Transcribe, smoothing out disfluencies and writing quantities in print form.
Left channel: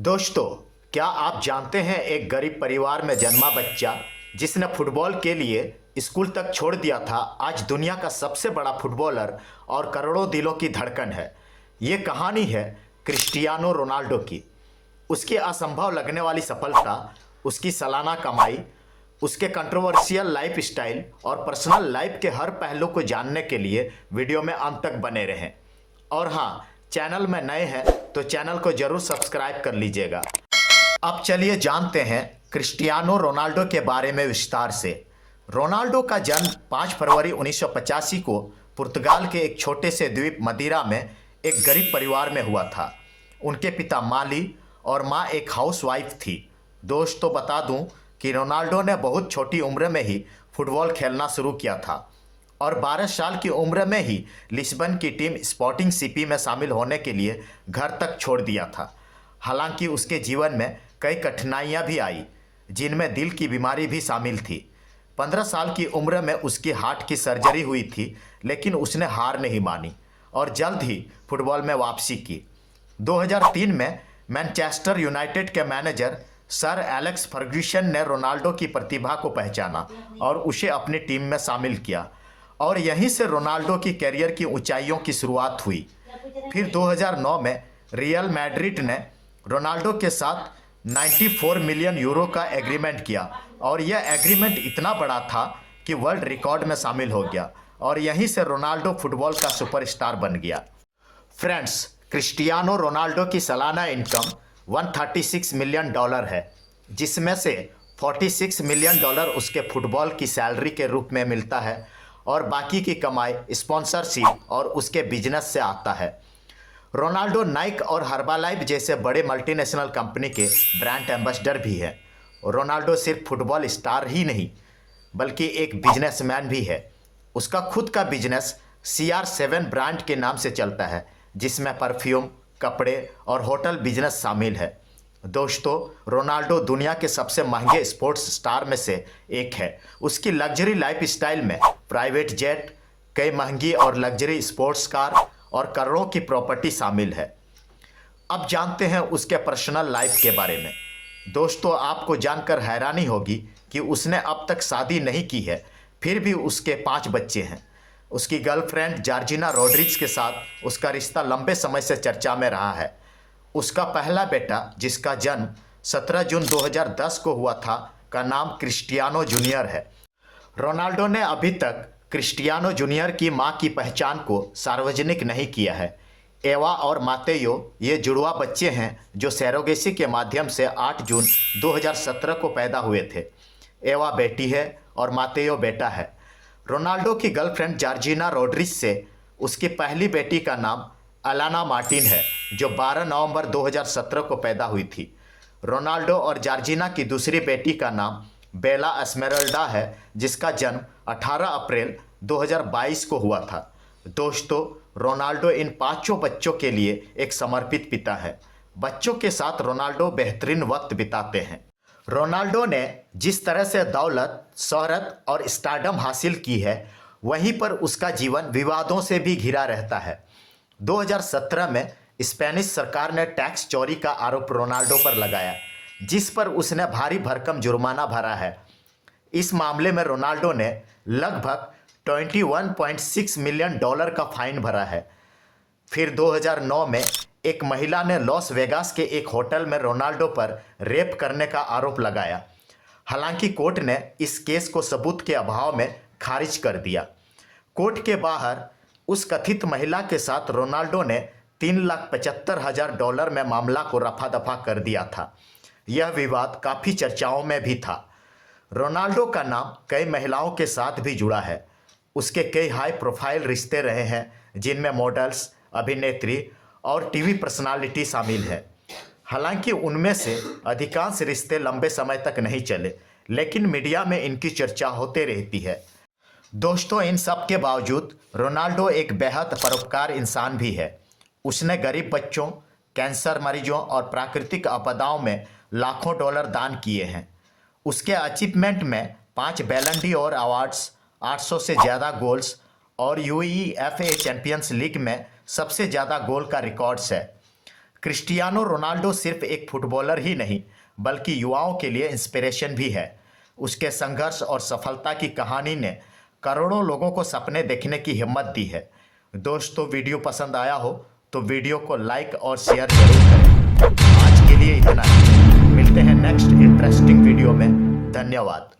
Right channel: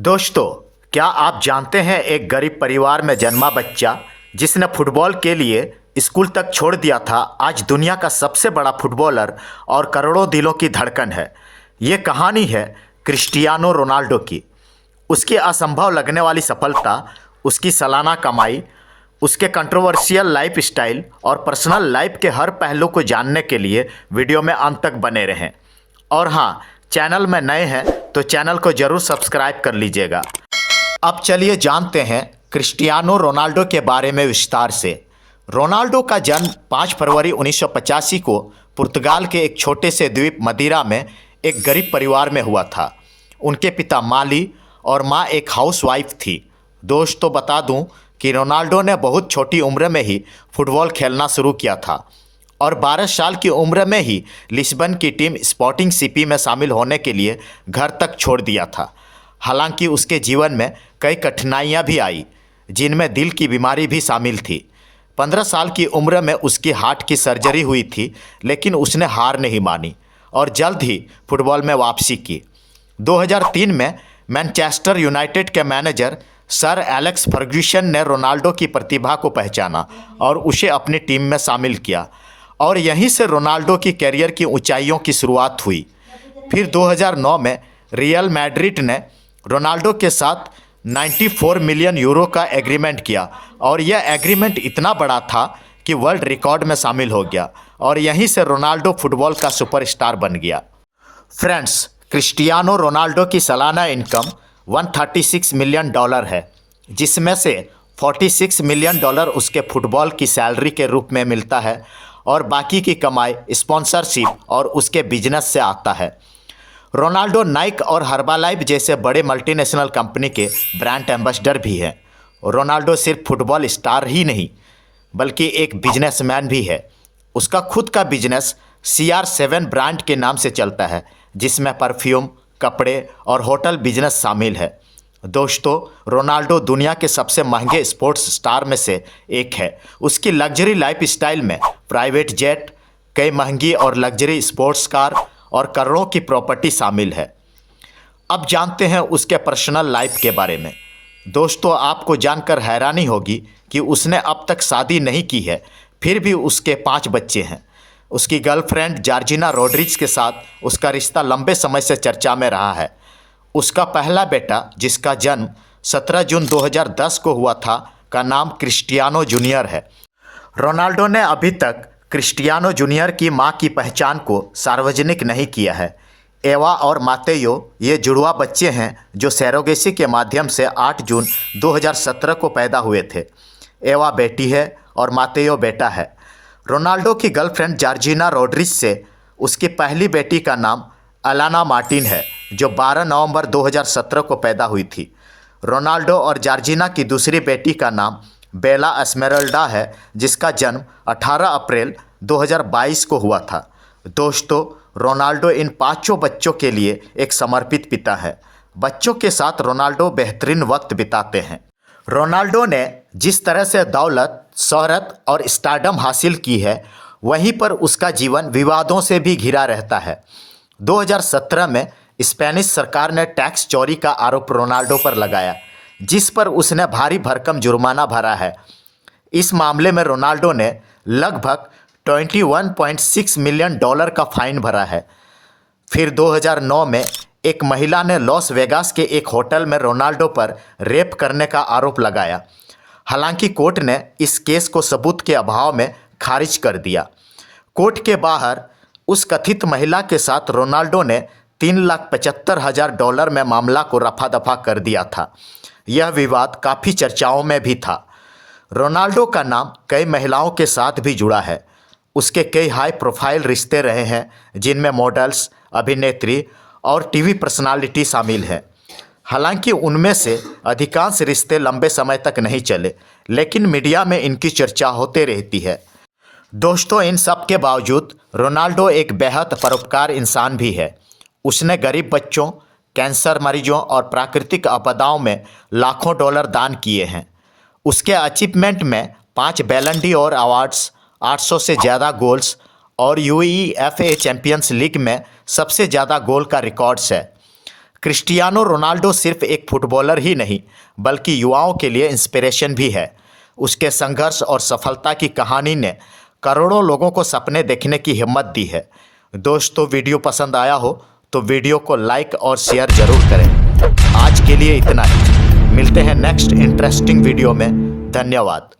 दोस्तों, क्या आप जानते हैं एक गरीब परिवार में जन्मा बच्चा जिसने फुटबॉल के लिए स्कूल तक छोड़ दिया था, आज दुनिया का सबसे बड़ा फुटबॉलर और करोड़ों दिलों की धड़कन है। ये कहानी है क्रिस्टियानो रोनाल्डो की। उसकी असंभव लगने वाली सफलता, उसकी सालाना कमाई, उसके कंट्रोवर्शियल लाइफ स्टाइल और पर्सनल लाइफ के हर पहलू को जानने के लिए वीडियो में अंत तक बने रहें। और हाँ, चैनल में नए हैं तो चैनल को जरूर सब्सक्राइब कर लीजिएगा। अब चलिए जानते हैं क्रिस्टियानो रोनाल्डो के बारे में विस्तार से। रोनाल्डो का जन्म 5 फरवरी 1985 को पुर्तगाल के एक छोटे से द्वीप मदीरा में एक गरीब परिवार में हुआ था। उनके पिता माली और माँ एक हाउसवाइफ थी। दोस्तों, बता दूं कि रोनाल्डो ने बहुत छोटी उम्र में ही फुटबॉल खेलना शुरू किया था और 12 साल की उम्र में ही लिस्बन की टीम स्पोर्टिंग सीपी में शामिल होने के लिए घर तक छोड़ दिया था। हालांकि उसके जीवन में कई कठिनाइयां भी आई, जिनमें दिल की बीमारी भी शामिल थी। 15 साल की उम्र में उसकी हार्ट की सर्जरी हुई थी, लेकिन उसने हार नहीं मानी और जल्द ही फुटबॉल में वापसी की। 2003 में मैनचेस्टर यूनाइटेड के मैनेजर सर एलेक्स फर्ग्यूसन ने रोनाल्डो की प्रतिभा को पहचाना और उसे अपनी टीम में शामिल किया, और यहीं से रोनाल्डो की कैरियर की ऊंचाइयों की शुरुआत हुई। फिर 2009 में रियल मैड्रिड ने रोनाल्डो के साथ 94 मिलियन यूरो का एग्रीमेंट किया, और यह एग्रीमेंट इतना बड़ा था कि वर्ल्ड रिकॉर्ड में शामिल हो गया, और यहीं से रोनाल्डो फुटबॉल का सुपरस्टार बन गया। फ्रेंड्स, क्रिस्टियानो रोनाल्डो की सालाना इनकम $136 मिलियन है, जिसमें से $46 मिलियन उसके फुटबॉल की सैलरी के रूप में मिलता है और बाकी की कमाई स्पॉन्सरशिप और उसके बिजनेस से आता है। रोनाल्डो नाइक और हर्बालाइफ जैसे बड़े मल्टीनेशनल कंपनी के ब्रांड एम्बेसडर भी हैं। रोनाल्डो सिर्फ फुटबॉल स्टार ही नहीं, बल्कि एक बिजनेसमैन भी है। उसका खुद का बिजनेस CR7 ब्रांड के नाम से चलता है, जिसमें परफ्यूम, कपड़े और होटल बिजनेस शामिल है। दोस्तों, रोनाल्डो दुनिया के सबसे महंगे स्पोर्ट्स स्टार में से एक है। उसकी लग्जरी लाइफ स्टाइल में प्राइवेट जेट, कई महंगी और लग्जरी स्पोर्ट्स कार और करोड़ों की प्रॉपर्टी शामिल है। अब जानते हैं उसके पर्सनल लाइफ के बारे में। दोस्तों, आपको जानकर हैरानी होगी कि उसने अब तक शादी नहीं की है, फिर भी उसके 5 बच्चे हैं। उसकी गर्लफ्रेंड जॉर्जिना रोड्रिग्स के साथ उसका रिश्ता लंबे समय से चर्चा में रहा है। उसका पहला बेटा, जिसका जन्म 17 जून 2010 को हुआ था, का नाम क्रिस्टियानो जूनियर है। रोनाल्डो ने अभी तक क्रिस्टियानो जूनियर की मां की पहचान को सार्वजनिक नहीं किया है। एवा और मातेयो ये जुड़वा बच्चे हैं जो सैरोगेसी के माध्यम से 8 जून 2017 को पैदा हुए थे। एवा बेटी है और मातेयो बेटा है। रोनाल्डो की गर्लफ्रेंड जॉर्जिना रोड्रिग्स से उसकी पहली बेटी का नाम अलाना मार्टिन है, जो 12 नवंबर 2017 को पैदा हुई थी। रोनाल्डो और जॉर्जिना की दूसरी बेटी का नाम बेला एस्मेराल्डा है, जिसका जन्म 18 अप्रैल 2022 को हुआ था। दोस्तों, रोनाल्डो इन 5 बच्चों के लिए एक समर्पित पिता है। बच्चों के साथ रोनाल्डो बेहतरीन वक्त बिताते हैं। रोनाल्डो ने जिस तरह से दौलत, शोहरत और स्टारडम हासिल की है, वहीं पर उसका जीवन विवादों से भी घिरा रहता है। 2017 में स्पेनिश सरकार ने टैक्स चोरी का आरोप रोनाल्डो पर लगाया, जिस पर उसने भारी भरकम जुर्माना भरा है। इस मामले में रोनाल्डो ने लगभग $21.6 मिलियन का फाइन भरा है। फिर 2009 में एक महिला ने लॉस वेगास के एक होटल में रोनाल्डो पर रेप करने का आरोप लगाया। हालांकि कोर्ट ने इस केस को सबूत के अभाव में खारिज कर दिया। कोर्ट के बाहर उस कथित महिला के साथ रोनाल्डो ने $3,75,000 में मामला को रफा दफा कर दिया था। यह विवाद काफ़ी चर्चाओं में भी था। रोनाल्डो का नाम कई महिलाओं के साथ भी जुड़ा है। उसके कई हाई प्रोफाइल रिश्ते रहे हैं, जिनमें मॉडल्स, अभिनेत्री और टीवी पर्सनालिटी शामिल है। हालांकि उनमें से अधिकांश रिश्ते लंबे समय तक नहीं चले, लेकिन मीडिया में इनकी चर्चा होते रहती है। दोस्तों, इन सब के बावजूद रोनाल्डो एक बेहद परोपकार इंसान भी है। उसने गरीब बच्चों, कैंसर मरीजों और प्राकृतिक आपदाओं में लाखों डॉलर दान किए हैं। उसके अचीवमेंट में 5 बैलन ड'ओर अवार्ड्स, 800 से ज़्यादा गोल्स और UEFA चैंपियंस लीग में सबसे ज़्यादा गोल का रिकॉर्ड्स है। क्रिस्टियानो रोनाल्डो सिर्फ एक फुटबॉलर ही नहीं बल्कि युवाओं के लिए इंस्पिरेशन भी है। उसके संघर्ष और सफलता की कहानी ने करोड़ों लोगों को सपने देखने की हिम्मत दी है। दोस्तों, वीडियो पसंद आया हो तो वीडियो को लाइक और शेयर जरूर करें। आज के लिए इतना ही। मिलते हैं नेक्स्ट इंटरेस्टिंग वीडियो में। धन्यवाद।